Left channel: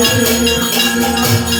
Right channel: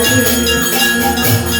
我会永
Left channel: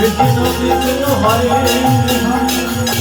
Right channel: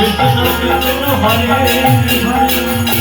Vishnu Vishnu Hare Hare.